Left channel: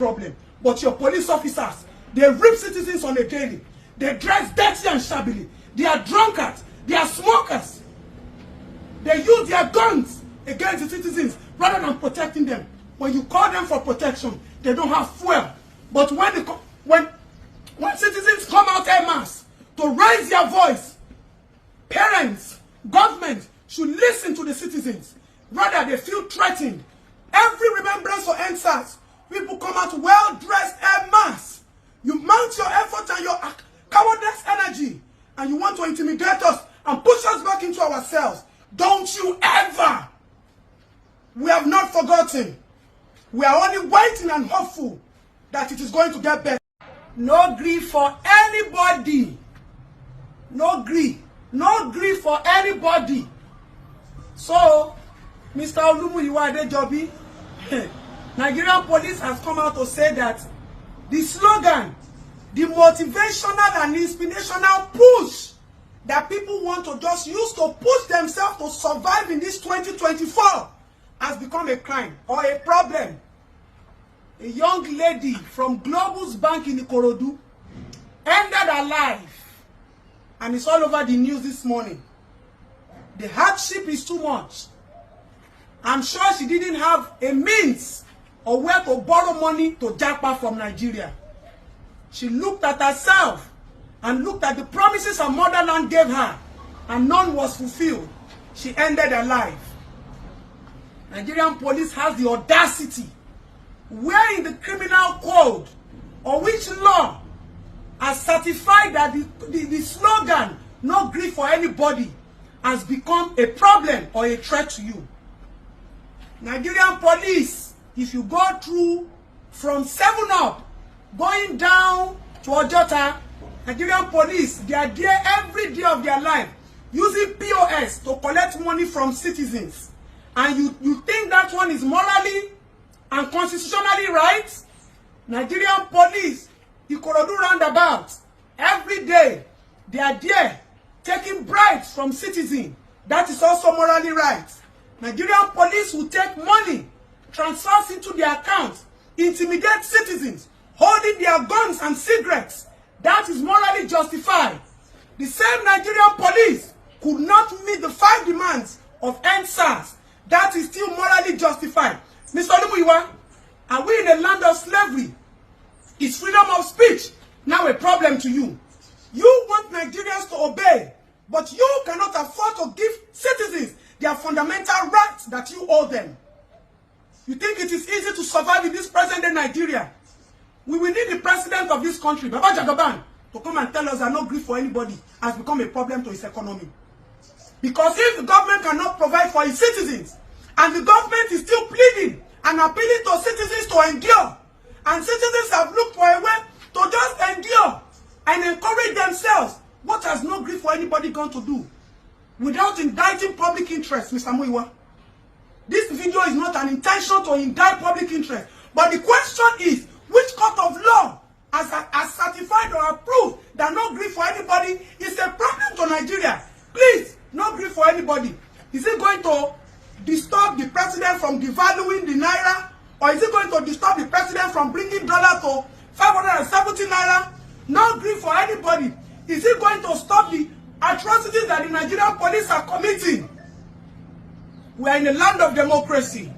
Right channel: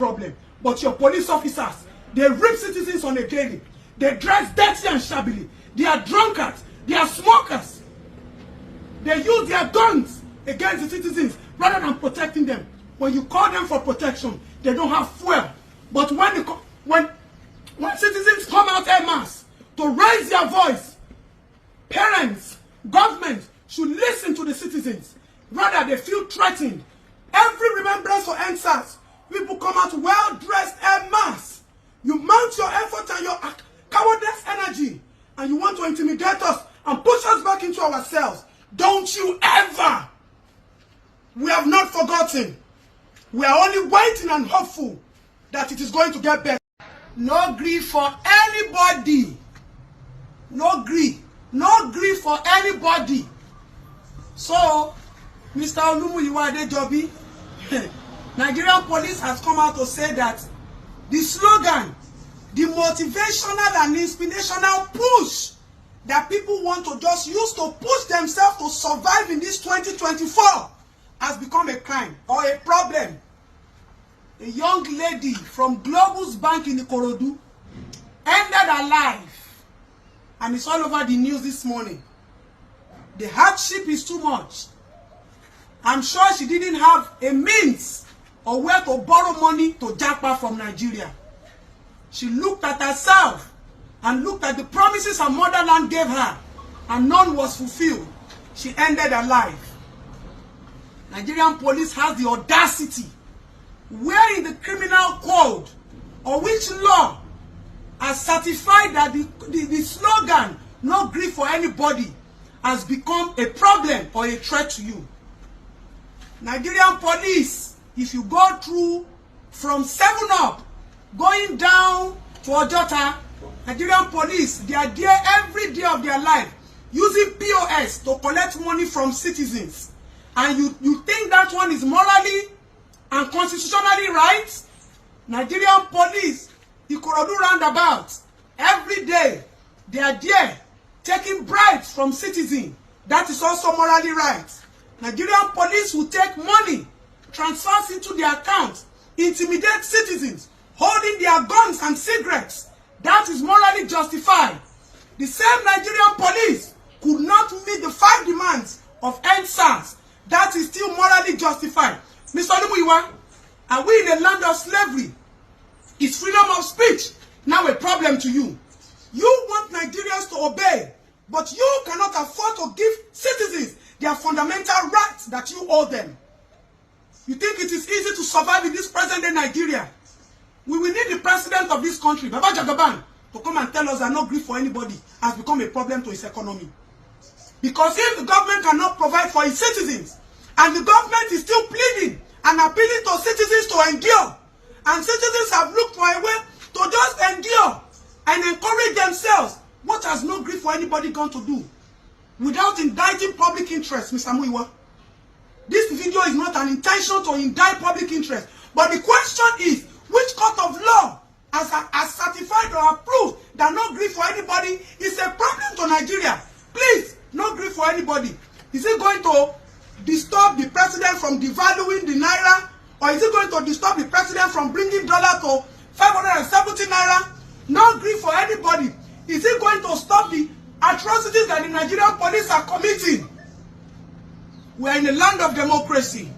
problem. But your police officers, they rape citizens on a daily. They dress dirty and shabbily. They are drunkards. They are smokers. They use their guns against the citizens rather than protecting them. When you call them for protection, they don't have fuel. But when citizens come out en masse to raise their voice, parents, government should listen to the citizens. Rather, they feel threatened. Every remembrance for NSAS, people come out well-dressed en masse. You mount your effort and your cowardness energy, and you want to intimidate us and push us back into ourselves. Don't you ever! We have not forgotten. We are only waiting and hopeful that it is going to get better. No grief for anybody. No grief. No grief for anybody. So, Mr. Olumuyiwa Adejobi, Nigerian police has come out to say that the slogan, the motivational and inspirational push that people want to just use to push themselves to survive in this 2024 has become a crime or a problem. A young lady from Globus Bank in Ikorodu ended her life, and it's all over the news this morning. The hardship is too much. I'm sure she didn't have a means or where to borrow money to japa from Nigeria. She looked at herself and looked at the promises her motherland gave her, and none was fulfilled. She ended her life. Nigerian police has the audacity, where in the criminal code or which law has certified that the slogan, no grief for anybody, has become a problem or a threat to you. Nigerian police, if you go through from 7 Up, going down to Ojota, Nigerian police, they are there every day of their life using POS to collect money from citizens. And you think that one is morally and constitutionally right? Nigerian police, Ikorodu roundabout, every day they are there taking bribes from citizens. That is also morally right. Nigerian police will take money, transfers into their accounts, intimidate citizens, holding their guns and cigarettes. That is morally justified. The same Nigerian police could not meet the 5 demands of NSAS. That is still morally justified. Mr. Olumuyiwa, are we in a land of slavery? Is freedom of speech now a problem to you? You want Nigerians to obey, but you cannot afford to give citizens their fundamental rights that you owe them. You think it is easy to survive in this present-day Nigeria? We will need the president of this country, Baba Jagaban, to come and tell us that no grief for anybody has become a problem to its economy. Because if the government cannot provide for its citizens, and the government is still pleading and appealing to citizens to endure, and citizens have looked for a way to just endure and encourage themselves, what has no grief for anybody going to do? Without indicting public interest, Mr. Muiwa. This video is not an intention to indict public interest. But the question is, which court of law has certified or approved that no grief for anybody is a problem to Nigeria? Please, no grief for anybody. Is it going to disturb the president from devaluing the naira? Or is it going to disturb the president from bringing dollar to 570 naira? No grief for anybody. Is it going to stop the atrocities that the Nigerian police are committing? We are in a land of democracy.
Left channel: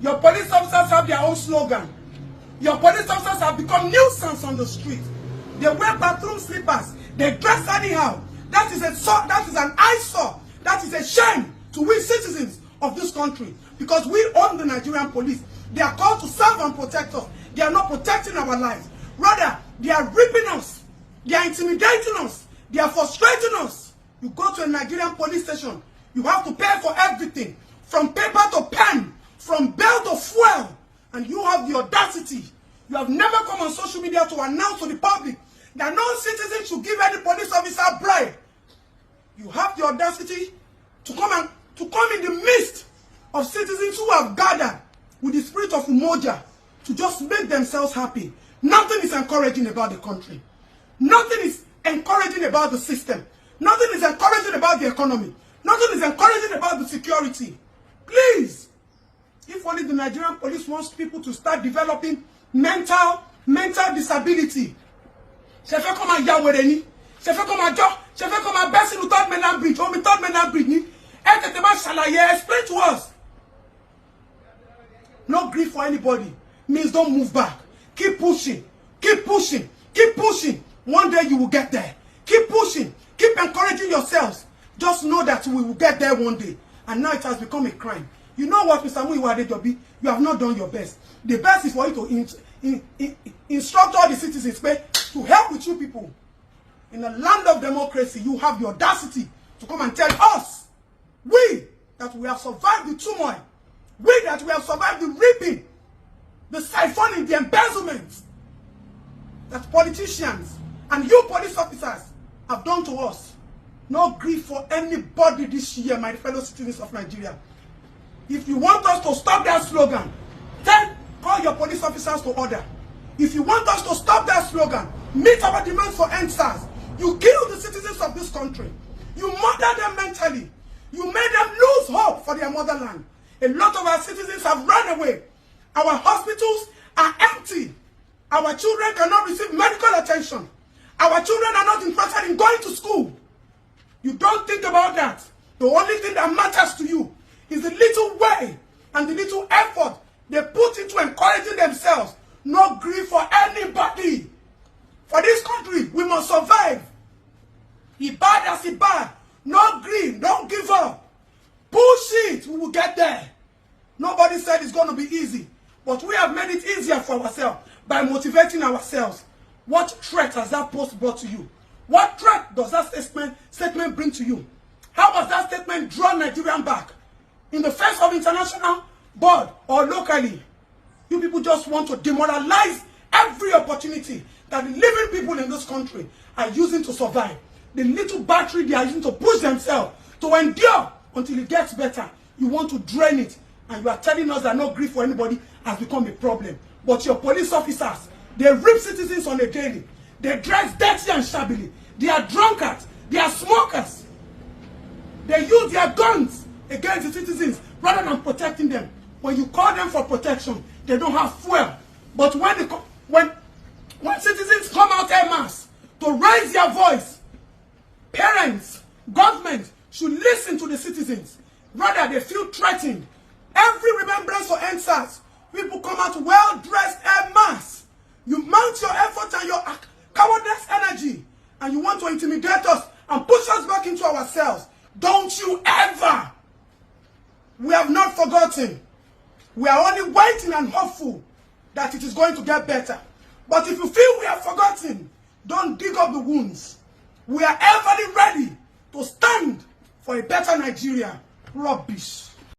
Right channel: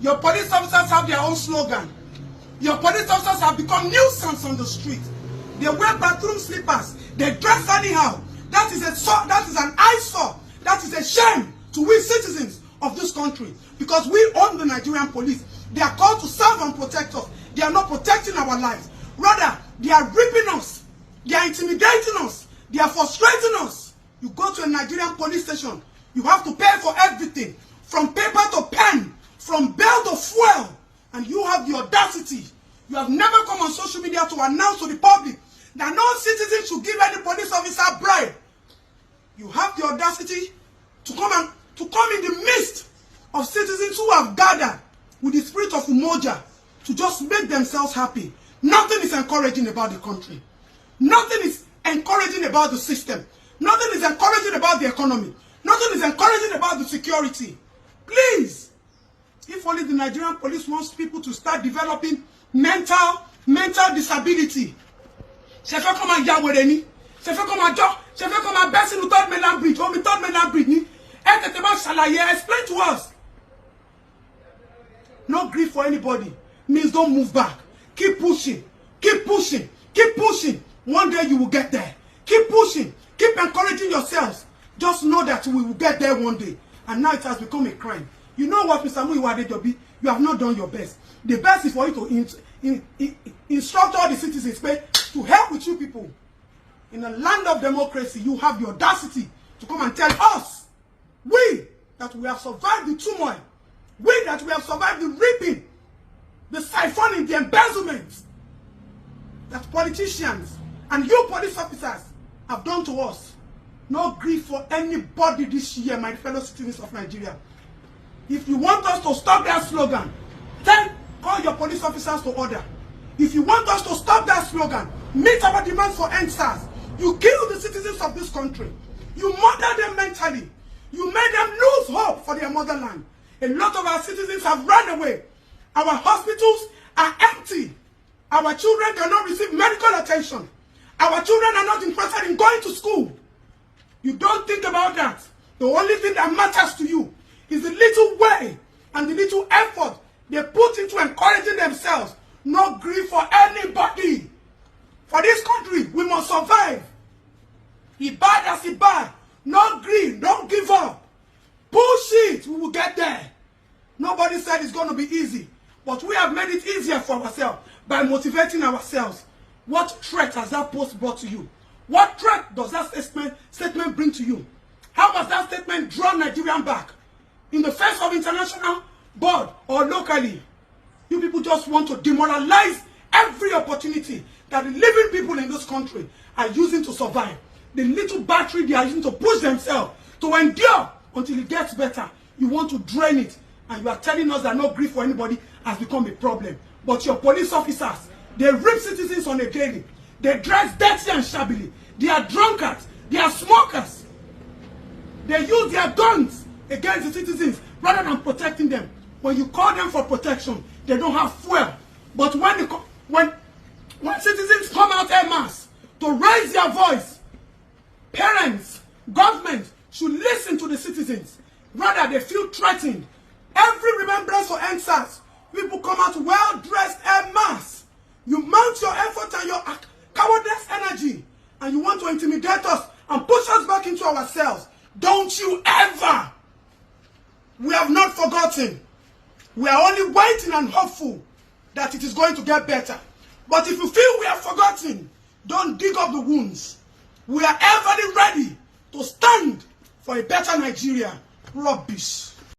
Your police officers have their own slogan. Your police officers have become nuisance on the street. They wear bathroom slippers. They dress anyhow. That is an eyesore. That is a shame to we citizens of this country. Because we own the Nigerian police. They are called to serve and protect us. They are not protecting our lives. Rather, they are ripping us. They are intimidating us. They are frustrating us. You go to a Nigerian police station, you have to pay for everything, from paper to pen, from bell to fuel, and you have the audacity. You have never come on social media to announce to the public that no citizen should give any police officer bribe. You have the audacity to come in the midst of citizens who have gathered with the spirit of umoja to just make themselves happy. Nothing is encouraging about the country. Nothing is encouraging about the system. Nothing is encouraging about the economy. Nothing is encouraging about the security. Please, If only the Nigerian police wants people to start developing mental disability. She fẹ́ kó máa ya wèrè ni. She fẹ́ kó máa jọ́. She fẹ́ kó máa bẹ́ sínú third mainland bridge. Omi third mainland bridge ni. Ẹ tètè máa ṣàlàyé, explain to us. No grief for anybody means don't move back. Keep pushing. Keep pushing. Keep pushing. One day you will get there. Keep pushing. Keep encouraging yourselves. Just know that we will get there one day. And now it has become a crime. You know what, Mr. Muyiwa Adejobi? You have not done your best. The best is for you to instruct all the citizens to help with you people. In a land of democracy, you have the audacity to come and tell us, we, that we have survived the turmoil, we that we have survived the reaping, the siphoning, the embezzlement that politicians and you police officers have done to us. No grief for anybody this year, my fellow citizens of Nigeria. If you want us to stop that slogan, then call your police officers to order. If you want us to stop that slogan, meet our demands for NSAS. You kill the citizens of this country. You murder them mentally. You made them lose hope for their motherland. A lot of our citizens have run away. Our hospitals are empty. Our children cannot receive medical attention. Our children are not interested in going to school. You don't think about that. The only thing that matters to you is the little way and the little effort they put into encouraging themselves. No grief for anybody. For this country, we must survive. Be bad as it bad. No grief, don't give up. Push it, we will get there. Nobody said it's going to be easy. But we have made it easier for ourselves by motivating ourselves. What threat has that post brought to you? What threat does that statement bring to you? How does that statement draw Nigerian back? In the face of international board or locally, you people just want to demoralize every opportunity that the living people in this country are using to survive. The little battery they are using to push themselves, to endure until it gets better. You want to drain it, and you are telling us that no grief for anybody has become a problem. But your police officers, they rip citizens on a daily. They dress dirty and shabbily. They are drunkards. They are smokers. They use their guns against the citizens rather than protecting them. When you call them for protection, they don't have fuel. But when citizens come out en masse to raise their voice, parents, government should listen to the citizens. Rather, they feel threatened. Every remembrance for NSAS, people come out well-dressed en masse. You mount your effort and your cowardness energy, and you want to intimidate us and push us back into ourselves. Don't you ever! We have not forgotten. We are only waiting and hopeful that it is going to get better. But if you feel we have forgotten, don't dig up the wounds. We are ever ready to stand for a better Nigeria. Rubbish.